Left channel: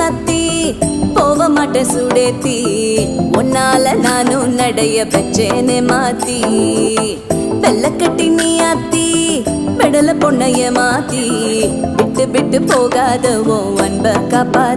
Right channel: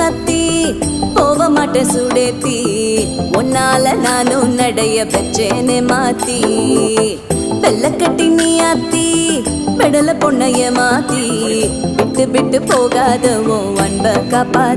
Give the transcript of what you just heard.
சத்தி போக மாட்டேன் சுடேத்தி உன்னால நானும் நடைய பெச்சேனே மாத்தி வெள்ள கட்டி நீ ஆத்தி பெடல பொண்ணைய மாத்தி விட்டு விட்டு போகாத உன் அன்ப காப்பாத்தி